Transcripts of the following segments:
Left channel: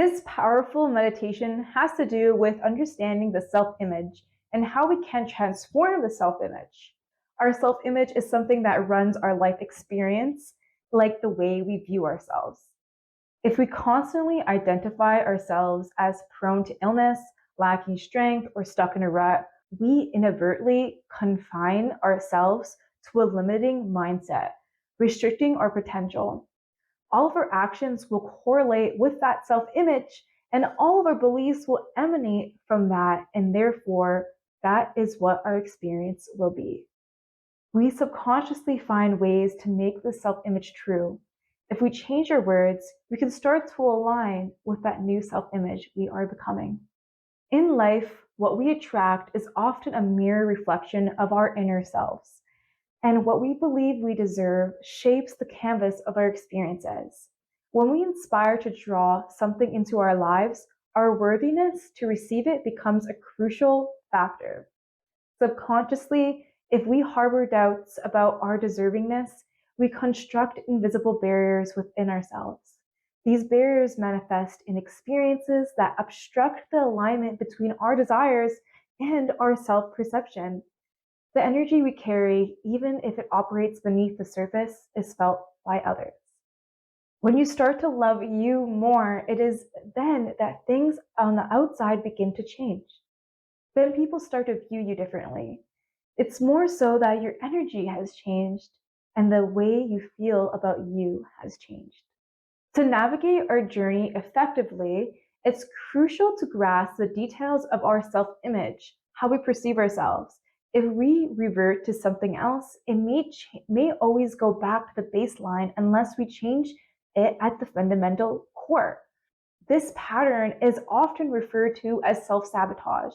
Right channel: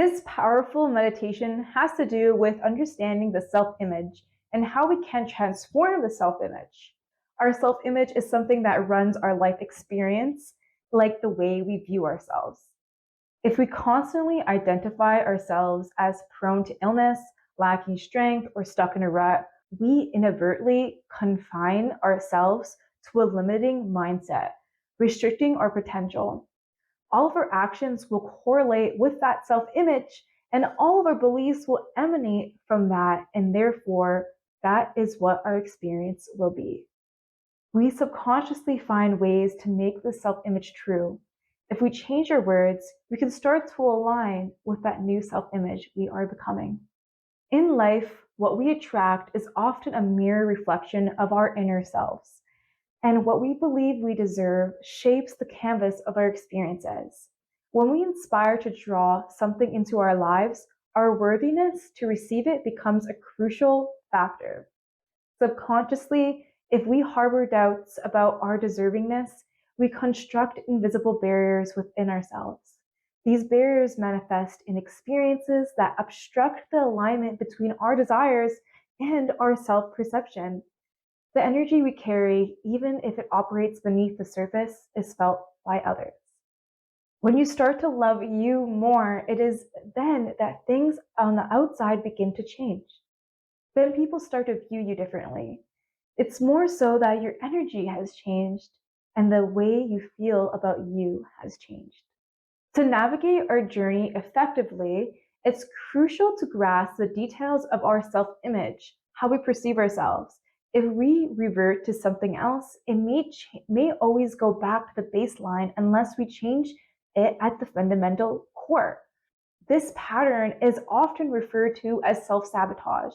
This powerful meditation has to do with understanding the self-image and how we can transform the self-image. Our self-image is something that runs our life experience, like the way we view ourselves. If we constantly identify ourselves as prone to illness, lacking strength, or stuck in a rut, we inadvertently confine ourselves to a limiting mindset, restricting our potential. All of our actions will correlate with that self-image, and all of our beliefs will emanate from that, and therefore, that is what our experience will be. We subconsciously find ways to make the self-image true. If we change our words, we can start to align with that new self-image we are becoming. In life, what we attract is often a mirror reflection of our inner selves, and what we believe we deserve shapes the canvas of our experiences. When we inspire to draw something into our lives, our worthiness to receive it becomes a crucial factor. Subconsciously, if we harbor doubts about our deservingness, we construct invisible barriers within ourselves. These barriers manifest in experiences that obstruct the alignment between our desires and our self-perception. The energy we carry, even if it operates beneath the surface, is felt by others. When you start to love you more, it is then that things on the outside begin to change. Then people start to view you differently. It's more so that your energy has changed and the way you feel about you has changed. To navigate our journey effectively, it's crucial to grasp the details of our self-image, how we perceive ourselves. If we revert to something else, it may always go back to the baseline unless we change it at the fundamental core. This pattern is often referred to as self-sabotage,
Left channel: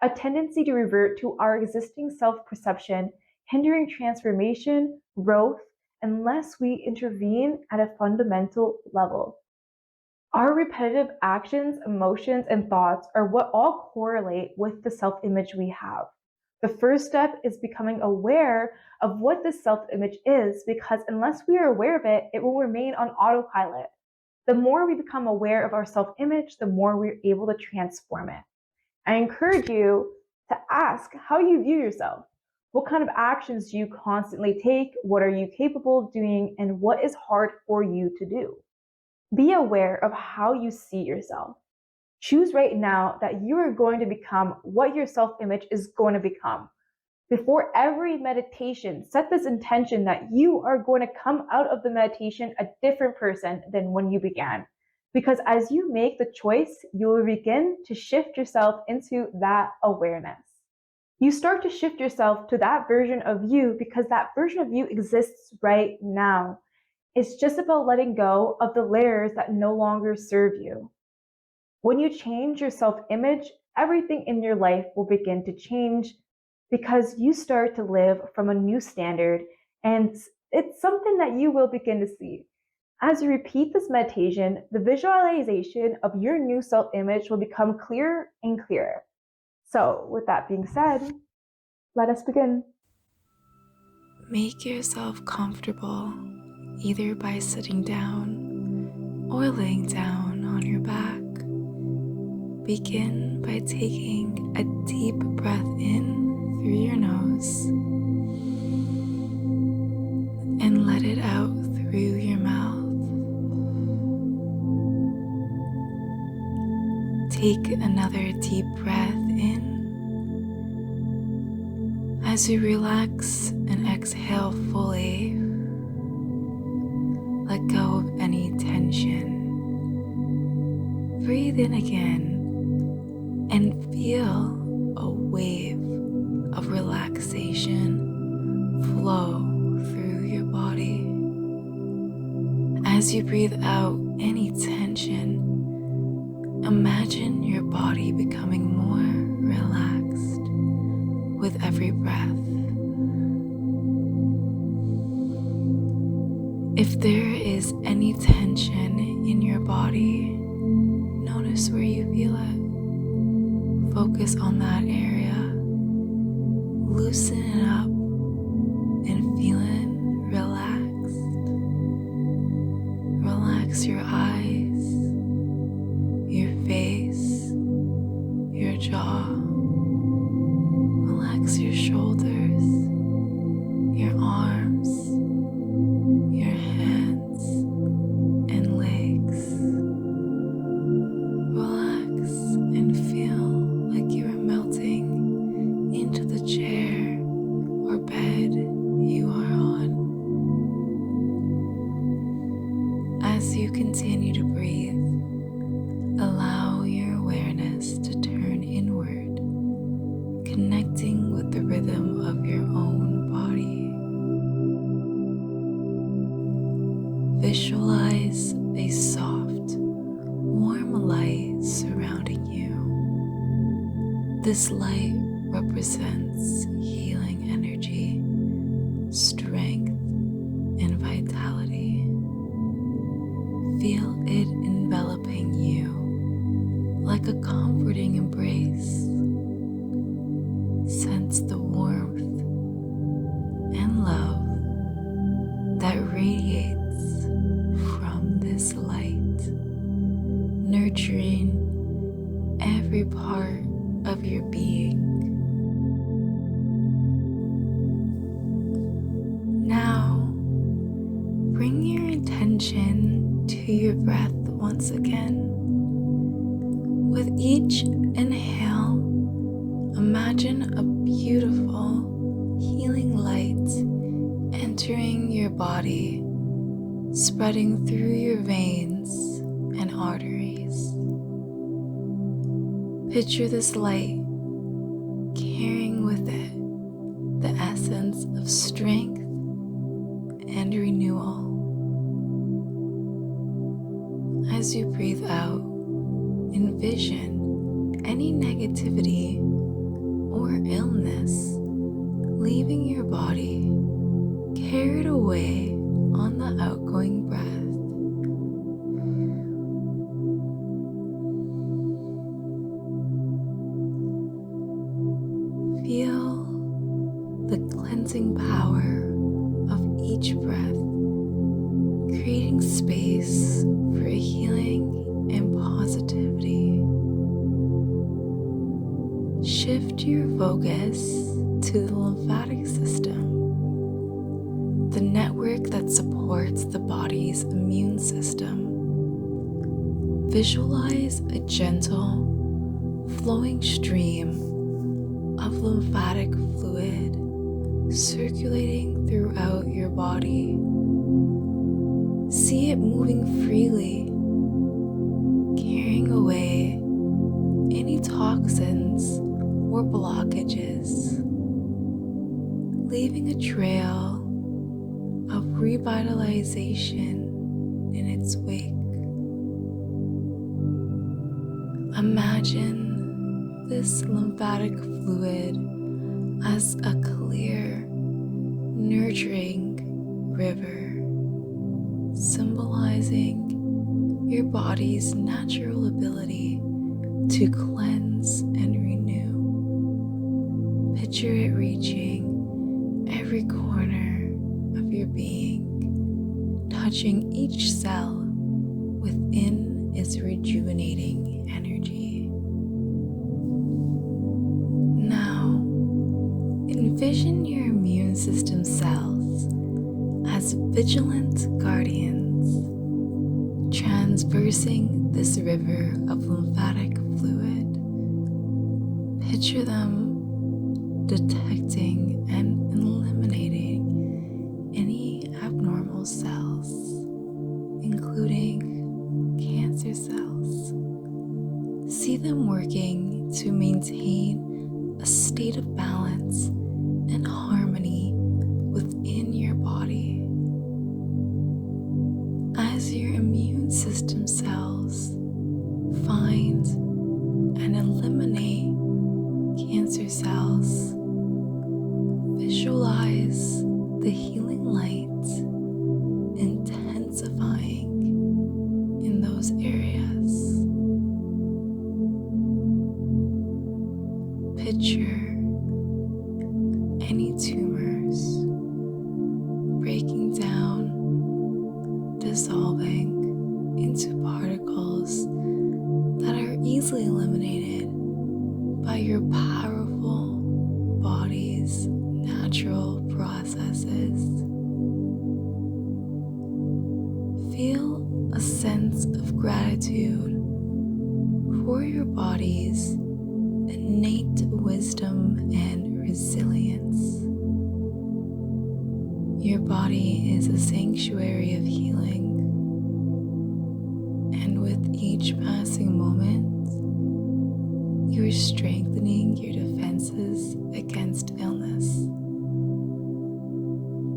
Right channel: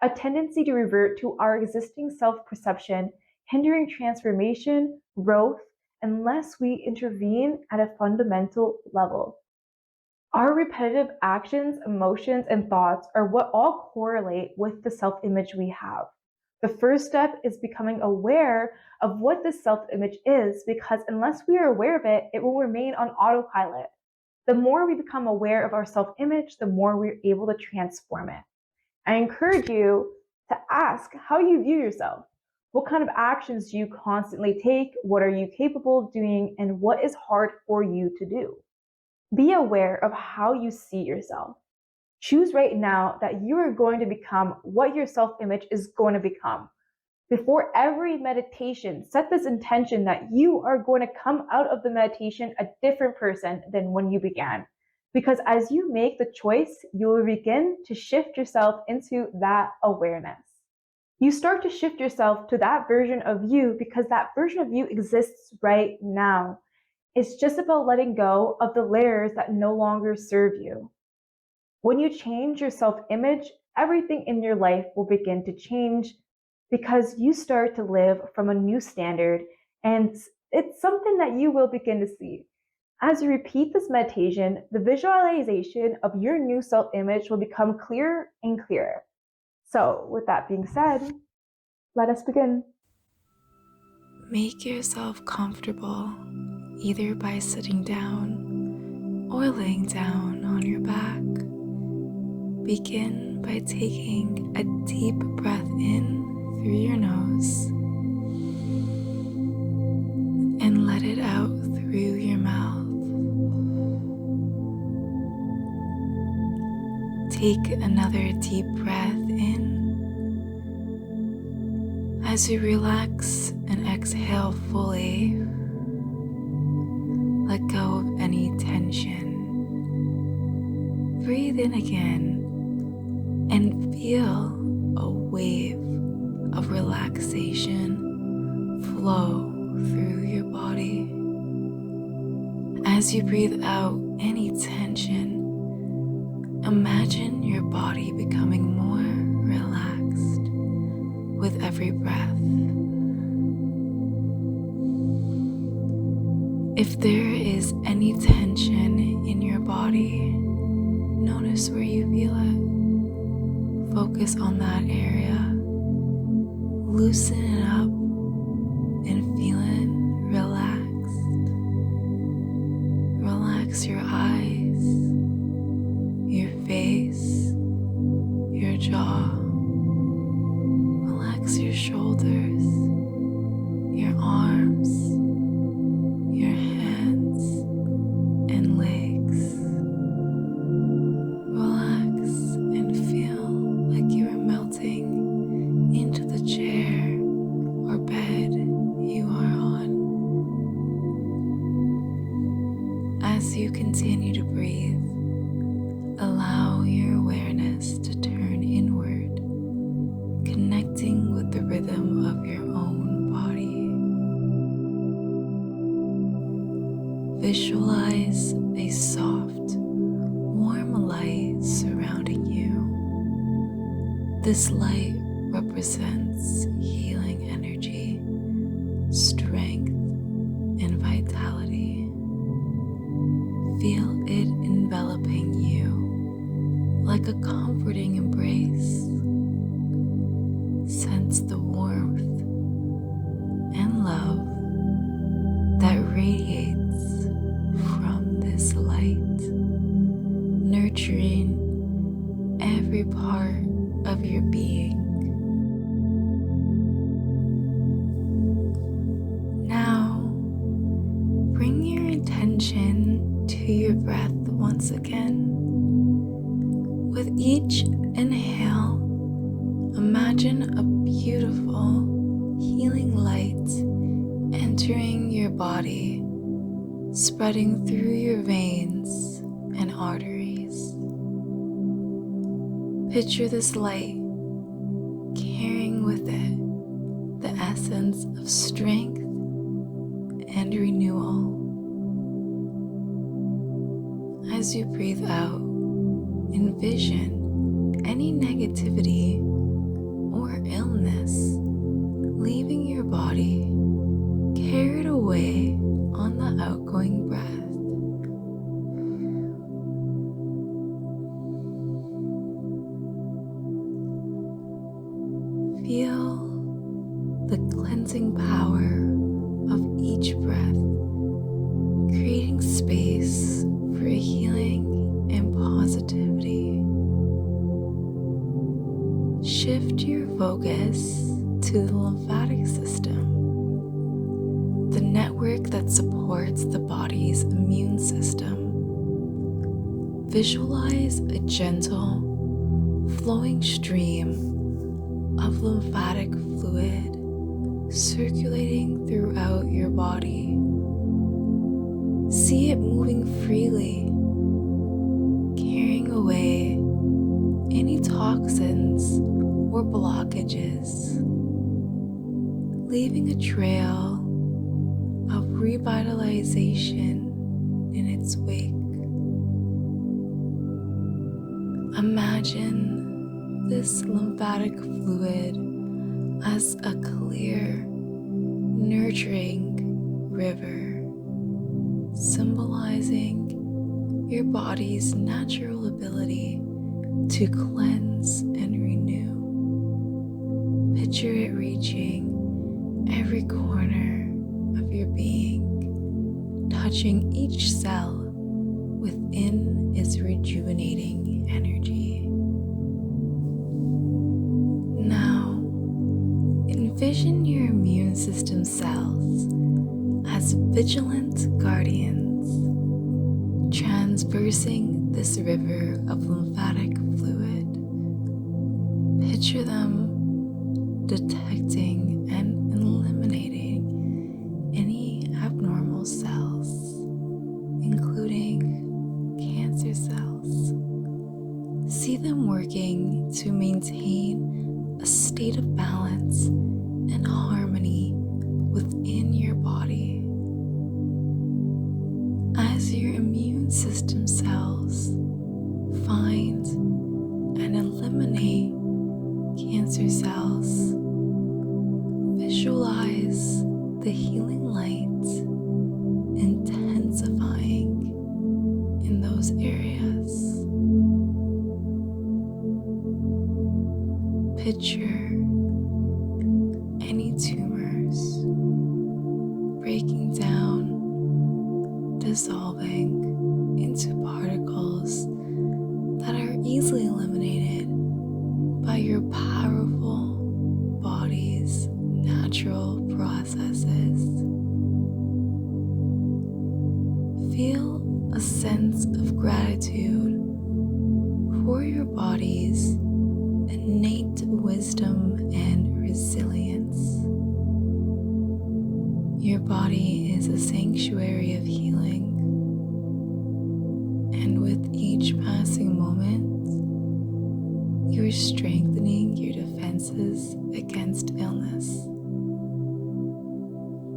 a tendency to revert to our existing self-perception, hindering transformation, growth, unless we intervene at a fundamental level. Our repetitive actions, emotions, and thoughts are what all correlate with the self-image we have. The first step is becoming aware of what this self-image is, because unless we are aware of it, it will remain on autopilot. The more we become aware of our self-image, the more we're able to transform it. I encourage you to ask how you view yourself. What kind of actions do you constantly take? What are you capable of doing? And what is hard for you to do? Be aware of how you see yourself. Choose right now that you are going to become what your self-image is going to become. Before every meditation, set this intention that you are going to come out of the meditation a different person than when you began. Because as you make the choice, you will begin to shift yourself into that awareness. You start to shift yourself to that version of you because that version of you exists right now. It's just about letting go of the layers that no longer serve you. When you change your self-image, everything in your life will begin to change because you start to live from a new standard, and it's something that you will begin to see. As you repeat this meditation, the visualization of your new self-image will become clearer and clearer. So, with that being said, let us begin. Make yourself comfortable, either by sitting down or laying down on your back. Begin by taking a deep breath in through your nose and let it out through your mouth. Take another deep breath in. As you relax and exhale fully, let go of any tension. Breathe in again and feel a wave of relaxation flow through your body. As you breathe out any tension, imagine your body becoming more relaxed with every breath. If there is any tension in your body, notice where you feel it. Focus on that area. Loosen it up and feel it relaxed. Relax your eyes, jaw. Relax your shoulders, your arms, your hands and legs. Relax and feel like you are melting into the chair or bed you are on. As you continue to breathe, allow your awareness to turn inward, connecting with the rhythm of your own body. Visualize a soft, warm light surrounding you. This light represents healing energy, strength, and vitality. Feel it enveloping you like a comforting embrace. Sense the warmth and love that radiates from this light, nurturing every part of your being. Now, bring your intention to your breath once again. With each inhale, imagine a beautiful, healing light entering your body, spreading through your veins and arteries. Picture this light carrying with it the essence of strength and renewal. As you breathe out, envision any negativity or illness leaving your body, carried away on the outgoing breath. Feel the cleansing power of each breath, creating space for healing and positivity. Shift your focus to the lymphatic system, the network that supports the body's immune system. Visualize a gentle, flowing stream of lymphatic fluid circulating throughout your body. See it moving freely, carrying away any toxins or blockages, leaving a trail of revitalization in its wake. Imagine this lymphatic fluid as a clear, nurturing river, symbolizing your body's natural ability to cleanse and renew. Picture it reaching every corner of your being, touching each cell within its rejuvenating energy. Now, envision your immune system cells as vigilant guardians, transversing this river of lymphatic fluid. Picture them detecting and eliminating any abnormal cells, including cancer cells. See them working to maintain a state of balance and harmony within your body. As your immune system cells find and eliminate cancer cells, visualize the healing light intensifying in those areas. Picture any tumors breaking down, dissolving into particles that are easily eliminated by your powerful body's natural processes. Feel a sense of gratitude for your body's innate wisdom and resilience. Your body is a sanctuary of healing, and with each passing moment, you're strengthening your defenses against illness.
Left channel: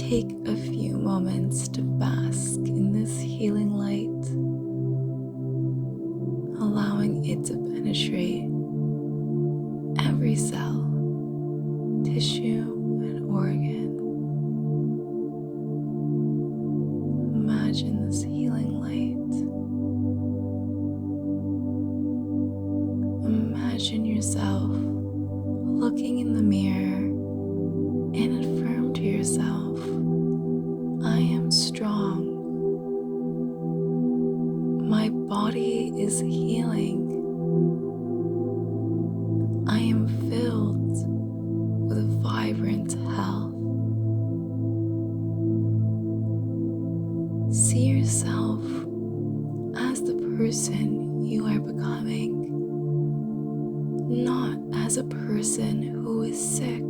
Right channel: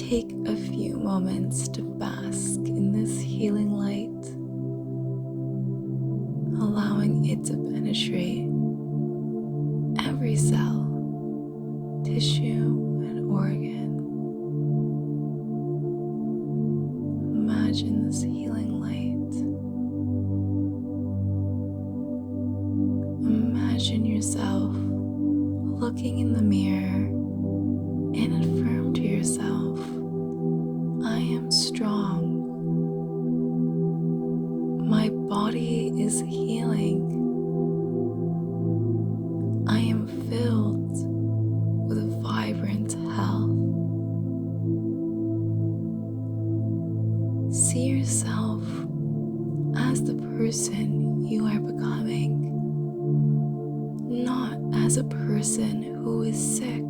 Take a few moments to bask in this healing light, allowing it to penetrate every cell, tissue, and organ. Imagine this healing light. Imagine yourself looking in the mirror and affirm to yourself, I am strong. My body is healing. I am filled with vibrant health. See yourself as the person you are becoming, not as a person who is sick.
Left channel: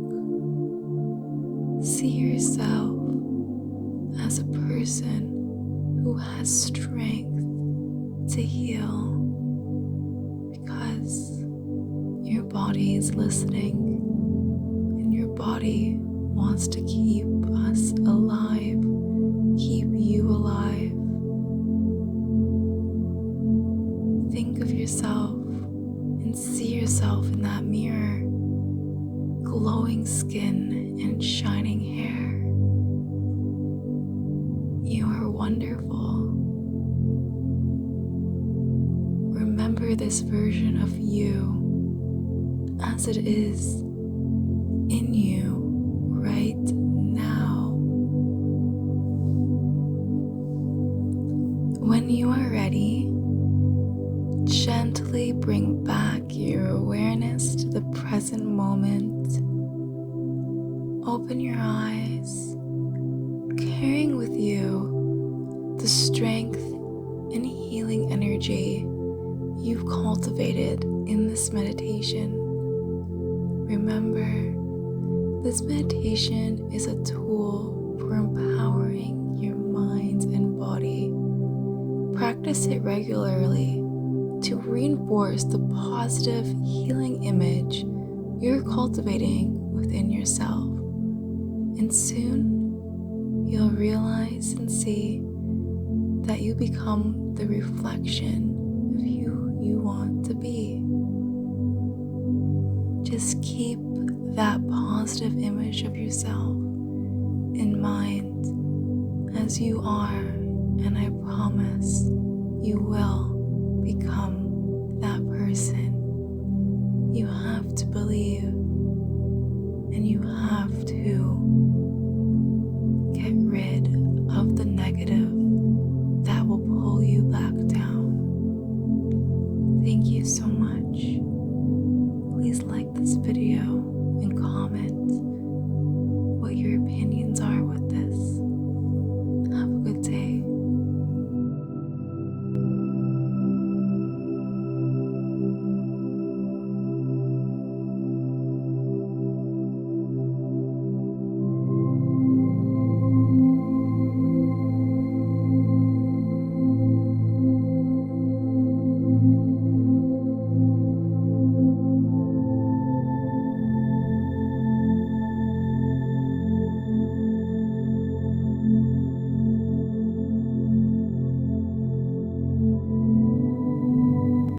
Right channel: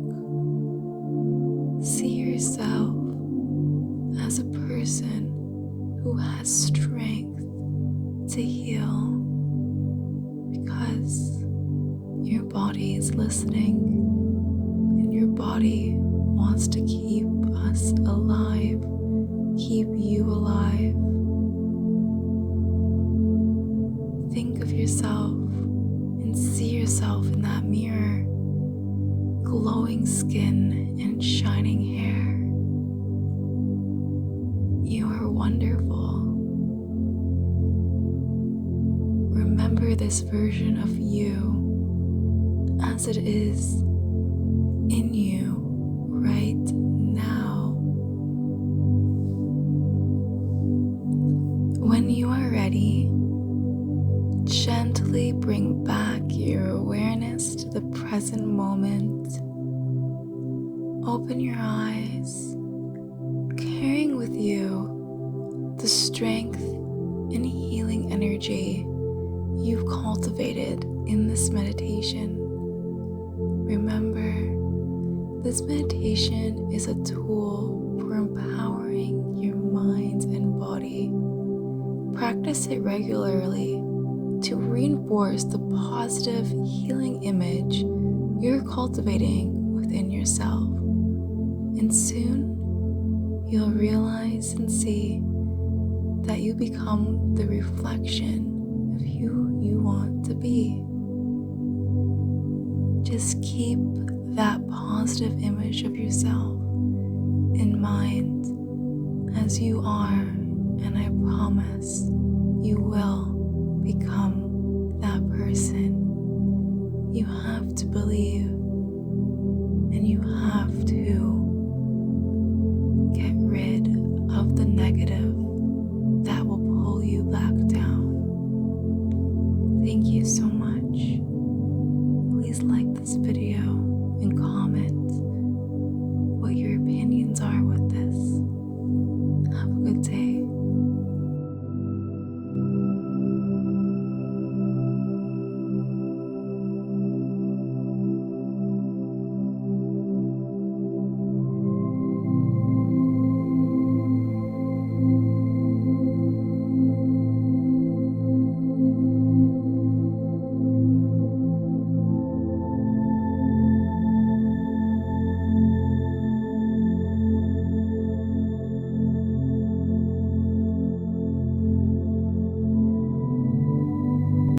See yourself as a person who has strength to heal, because your body is listening and your body wants to keep us alive, keep you alive. Think of yourself and see yourself in that mirror, glowing skin and shining hair. You are wonderful. Remember this version of you as it is in you right now. When you are ready, gently bring back your awareness to the present moment. Open your eyes, carrying with you the strength and healing energy you've cultivated in this meditation. Remember, this meditation is a tool for empowering your mind and body. Practice it regularly to reinforce the positive healing image you're cultivating within yourself. And soon, you'll realize and see that you become the reflection of who you want to be. Just keep that positive image of yourself in mind as you are, and I promise you will become that person. You have to believe, and you have to get rid of the negative that will pull you back down. Thank you so much. Please like this video